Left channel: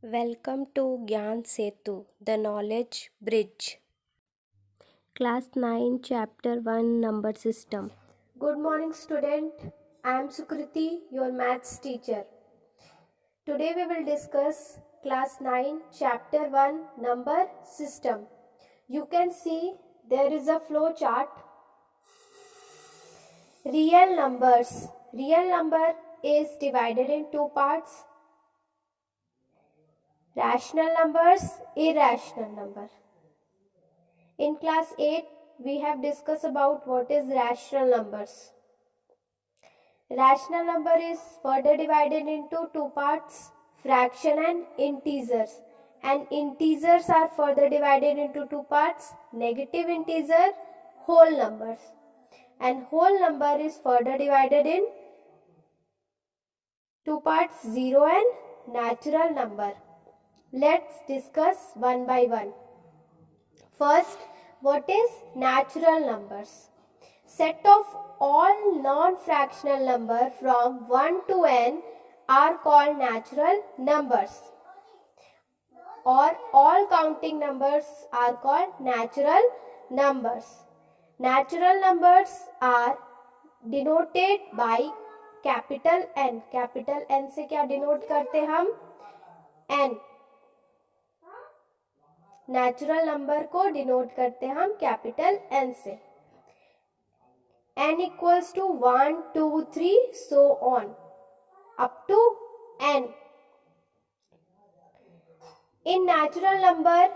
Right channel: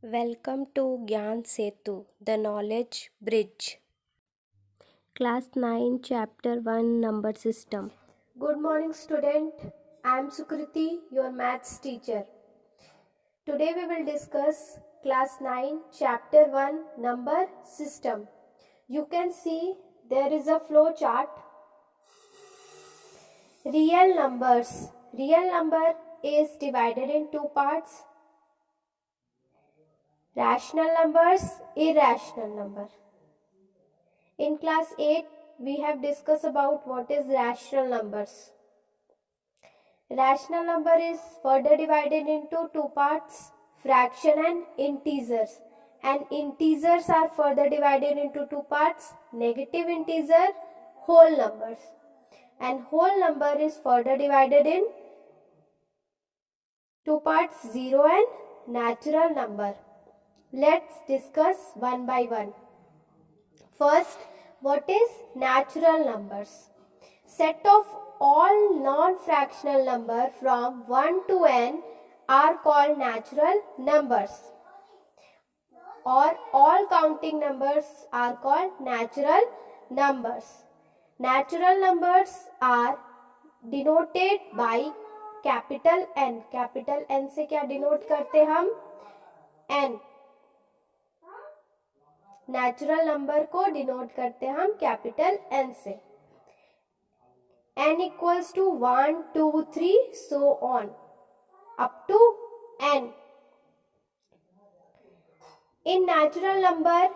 Welcome to Gyan Setu, the Knowledge Bridge. Class 9, Chapter 1, Number System. Good morning, student. I am Sukriti, your maths teacher. Today we will discuss Class 9, Chapter 1, Number System. You can see there is a flow chart. Real numbers. Real number is divided in two parts. Rational numbers, irrational number. In class 8, we have discussed about what is rational numbers. Rational number is further divided into two parts, fraction and integers. And integers are further divided into two parts, negative integer, whole numbers. And whole number is further divided in two parts, zero and natural number. Let's discuss one by one. First, what is natural numbers? Set of all non-fractional numbers from 1 to n are called natural numbers, or all counting numbers are called natural numbers. Natural numbers are denoted by capital N. Capital N से क्या denote करते हम? N. Natural number को denote करते हम capital N से. n equals to 1, 2, 3, so on up to n. In natural number,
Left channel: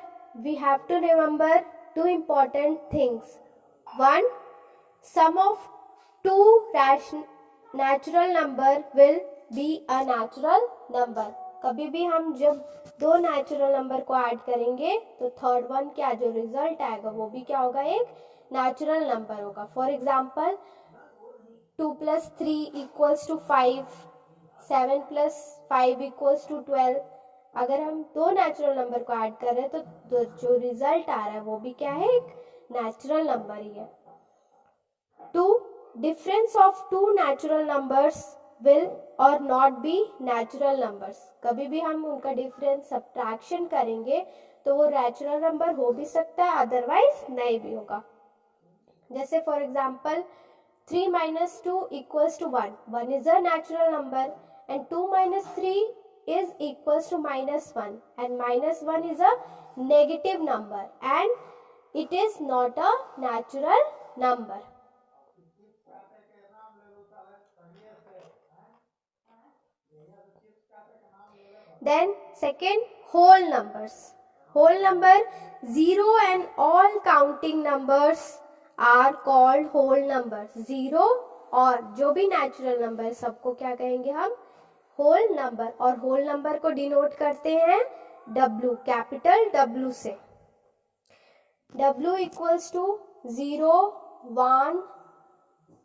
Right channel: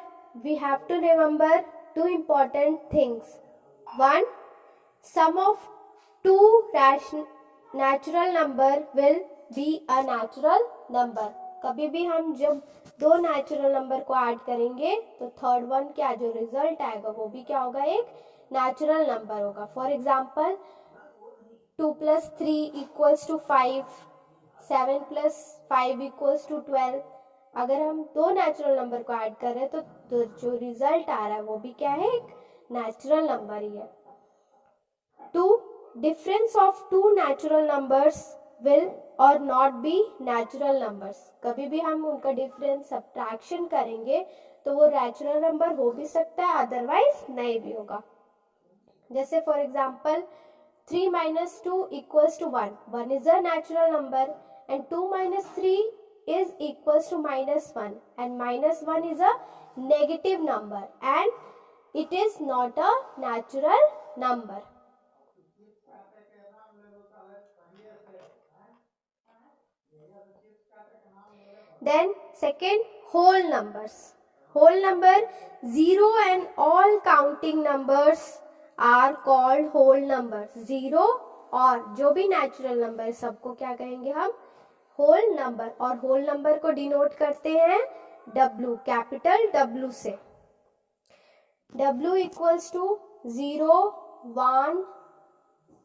we have to remember two important things. One, sum of two natural number will be a natural number. कभी भी हम जब दो natural number को add करेंगे तो third one क्या जो रिजल्ट आएगा वो भी क्या होगा, एक नेचुरल नंबर होगा. For example 2 + 3 = 5, 7 + 5 = 12. अगर हम दो नेचुरल नंबर को ऐड कर रहे हैं तो जो रिजल्ट आ रहा है वो भी क्या है, एक नेचुरल नंबर ही है. 2. Difference of two natural numbers will or not be natural numbers. कभी भी हम उनका डिफरेंस सब्ट्रैक्शन करेंगे तो वो नेचुरल नंबर हो भी सकता है, अदरवाइज नहीं भी होगा. जैसे for example 3 - 2 = 1. 1 is a natural number and 2 - 3 is equals to -1, and -1 is a negative number and it is not a natural number. Then second, whole numbers. Whole number, 0 and all counting numbers are called whole numbers. 0 और जो भी natural number है सबको क्या कहेंगे हम, whole number. और whole number को denote करते हैं W, capital W से. W equals to 0, 1,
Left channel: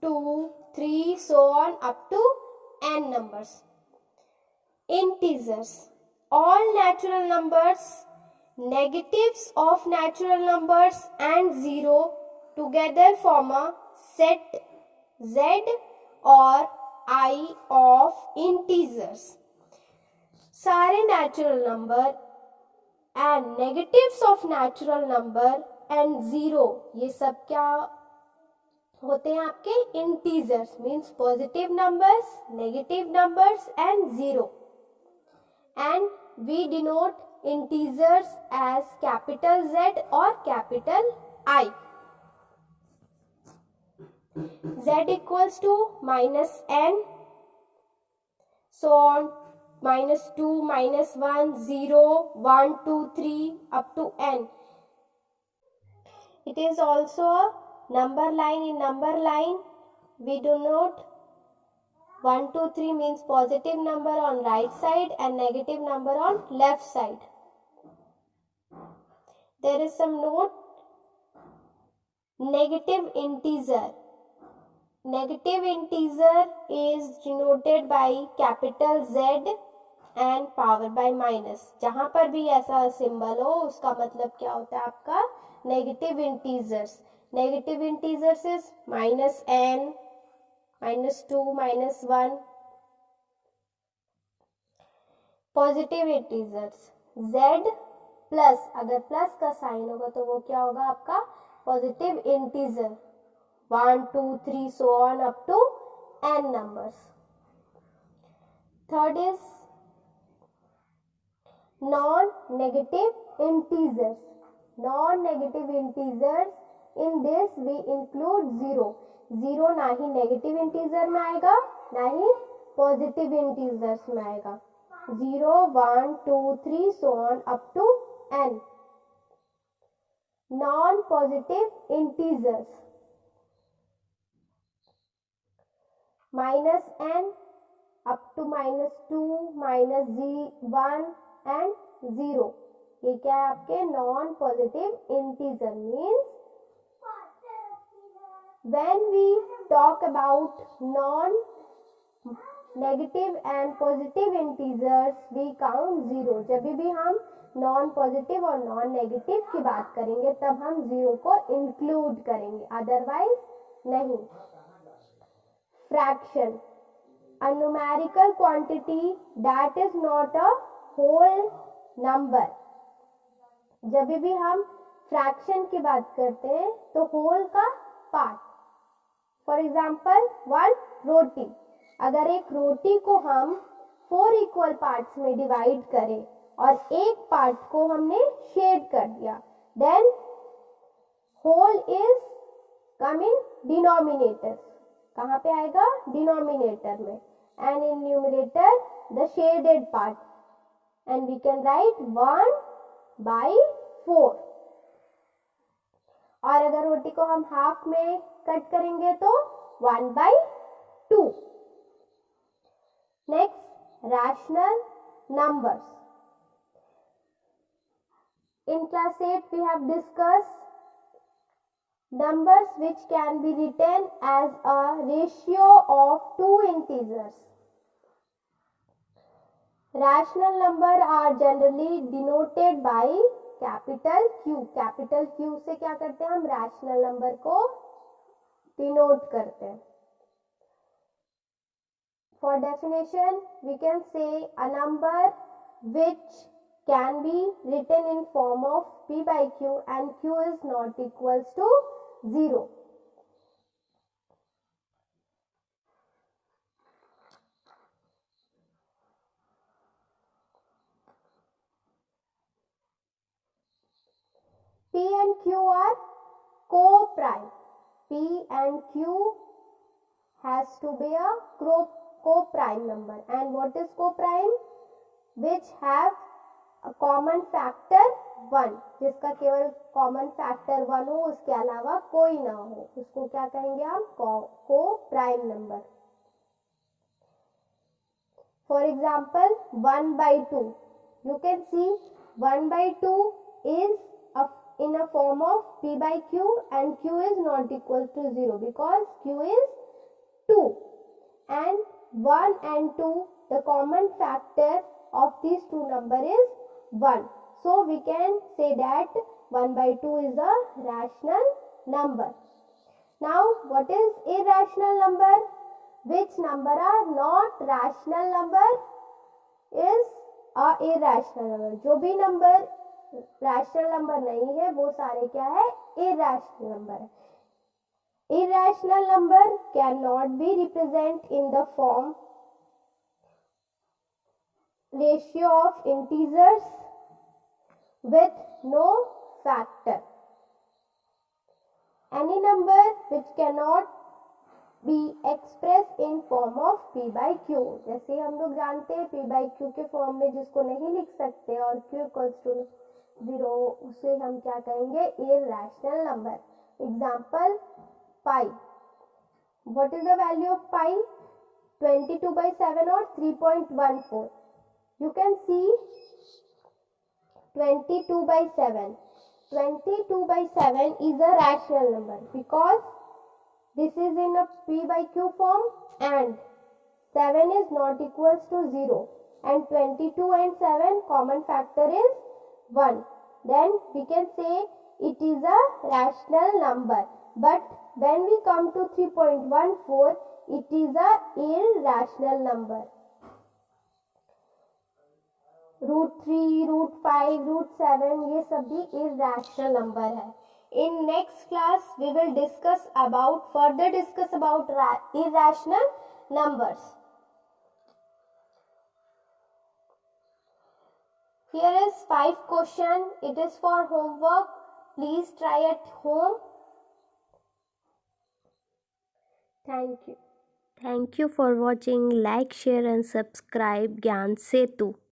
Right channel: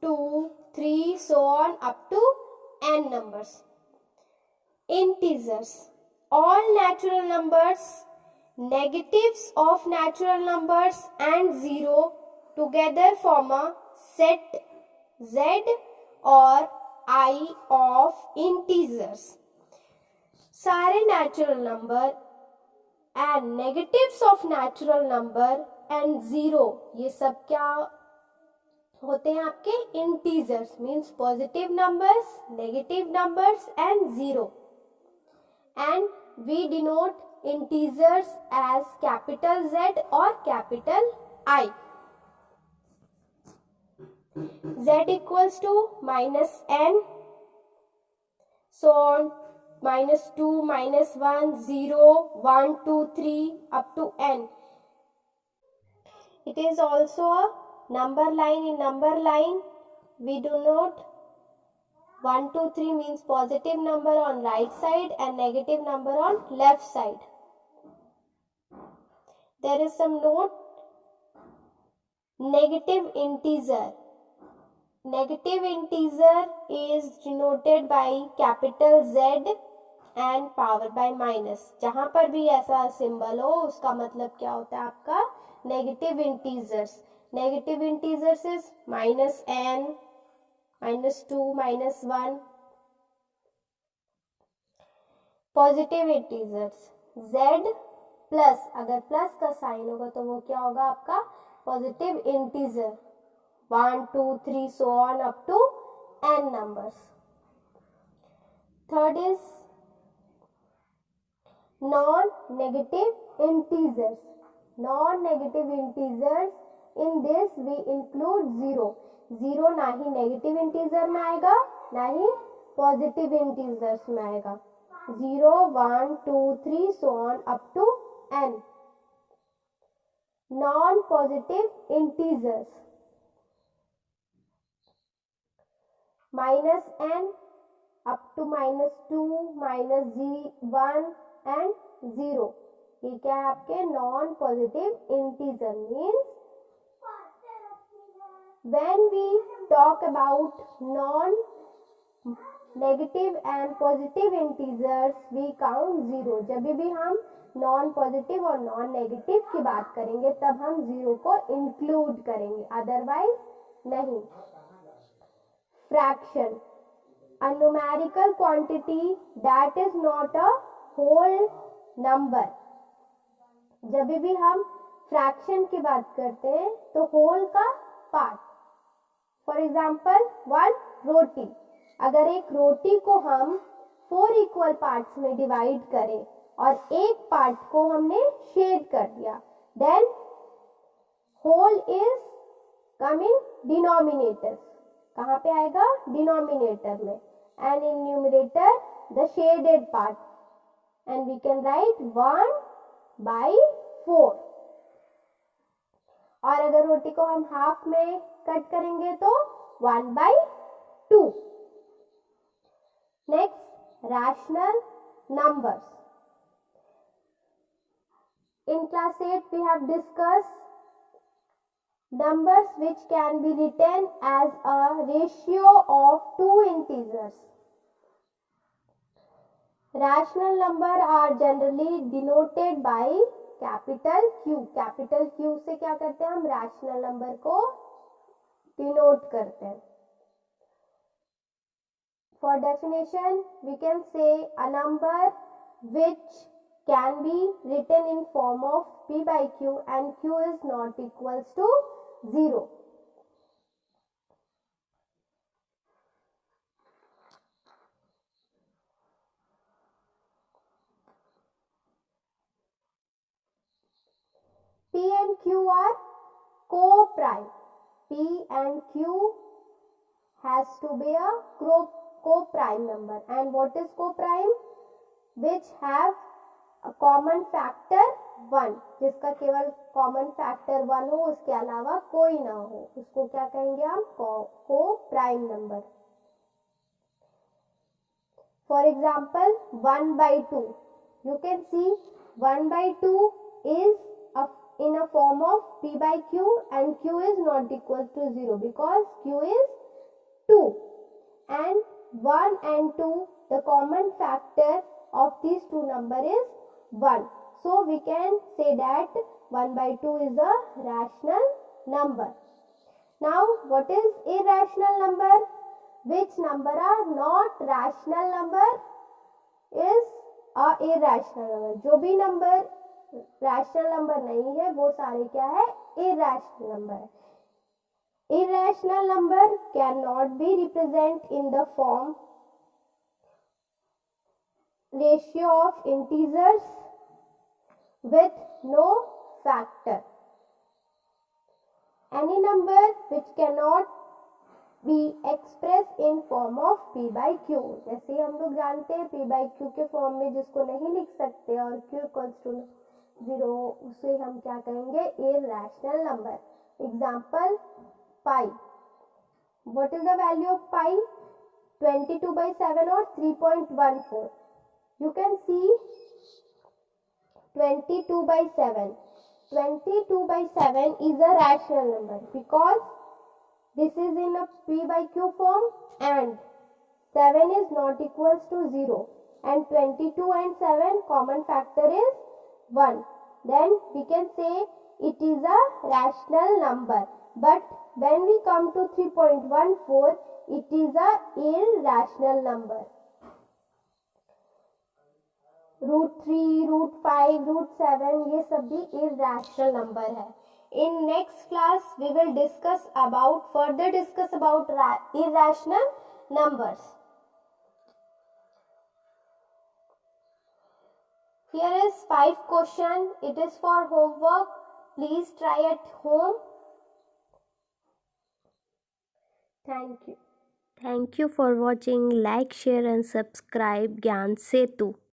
2, 3, so on up to n numbers. Integers. All natural numbers, negatives of natural numbers and 0 together form a set Z or I of integers. सारे natural number and negatives of natural number and 0 ये सब क्या होते हैं आपके, integers, means positive numbers, negative numbers and 0. And we denote integers as capital Z or capital I. Z equals to -n, so on, -2, -1, 0, 1, 2, 3 up to n. It is also a number line. In number line we denote 1, 2, 3 means positive number on right side and negative number on left side. There is some note. Negative integer. Negative integer is denoted by capital Z and power by minus. जहाँ पर भी ऐसा symbol हो उसका मतलब क्या होता है आपका, negative integers. Negative integers is -n, -2, -1. Positive integers z plus, अगर प्लस का साइन होगा तो वो क्या होगा आपका positive integer 1 2 3 so on up to n numbers. Third is non-negative integers. Non-negative integers, in this we include zero. Zero ना ही negative integer में आएगा ना ही पॉजिटिव इंटीजर्स में आएगा. 0 1 2 3 so on up to n. Non-positive integers -n up to -2 -1 and 0. ये क्या है आपके non positive integer. Means when we talk about non negative and positive integers we count 0. जब भी हम नॉन पॉजिटिव और नॉन नेगेटिव की बात करेंगे तब हम 0 को इंक्लूड करेंगे, अदरवाइज नहीं. Fraction, a numerical quantity that is not a whole number. जब भी हम फ्रैक्शन की बात करते हैं तो होल का पार्ट. फॉर एग्जाम्पल 1 रोटी. अगर एक रोटी को हम 4 इक्वल पार्ट्स में डिवाइड करें और एक पार्ट को हमने शेड कर दिया, then whole is come in denominator. कहाँ पे आएगा? डिनोमिनेटर में. And in numerator the shaded part, and we can write 1/4. और अगर रोटी को हम हाफ में कट करेंगे तो 1/2. Next, rational numbers. In class 8 we have discussed numbers which can be written as a ratio of two integers. Rational number are generally denoted by capital Q. Capital Q से क्या करते हैं हम? rational number को denote करते हैं. For definition, we can say a number which can be written in form of p by q and q is not equals to 0. P and Q are co-prime. P and Q has to be a co-prime number. And what is co-prime? Which have a common factor 1. जिसका केवल common factor 1 हो, उसके अलावा कोई ना हो, उसको क्या कहेंगे हम? Co-prime number. For example 1/2. You can see 1/2 is in a form of p by q and q is not equal to 0 because q is 2 and 1 and 2, the common factor of these two number is 1. So we can say that 1/2 is a rational number. Now what is irrational number? Which number are not rational number is a irrational number. जो भी number rational number नहीं है वो सारे क्या है? Irrational number है. Irrational number can not be represent in the form ratio of integers with no factor. Any number which cannot be expressed in form of p by q. जैसे हम लोग जानते हैं p by q के form में जिसको नहीं लिख सकते और q equals to 0, उसे हम क्या कहेंगे? irrational number. Example pi. What is the value of pi? 22/7 or 3.14. You can see 22/7. 22/7 is a rational number because this is in a p by q form and 7 is not equals to 0 and 22 and 7 common factor is 1. Then we can say it is a rational number. But when we come to 3.14, it is a irrational number. √3, √5, √7 ये सब भी irrational number है. In next class we will further discuss about irrational numbers. Here is 5 question. It is for homework. Please try at home. Thank you. Thank you for watching. Like, share and subscribe Gyan Setu.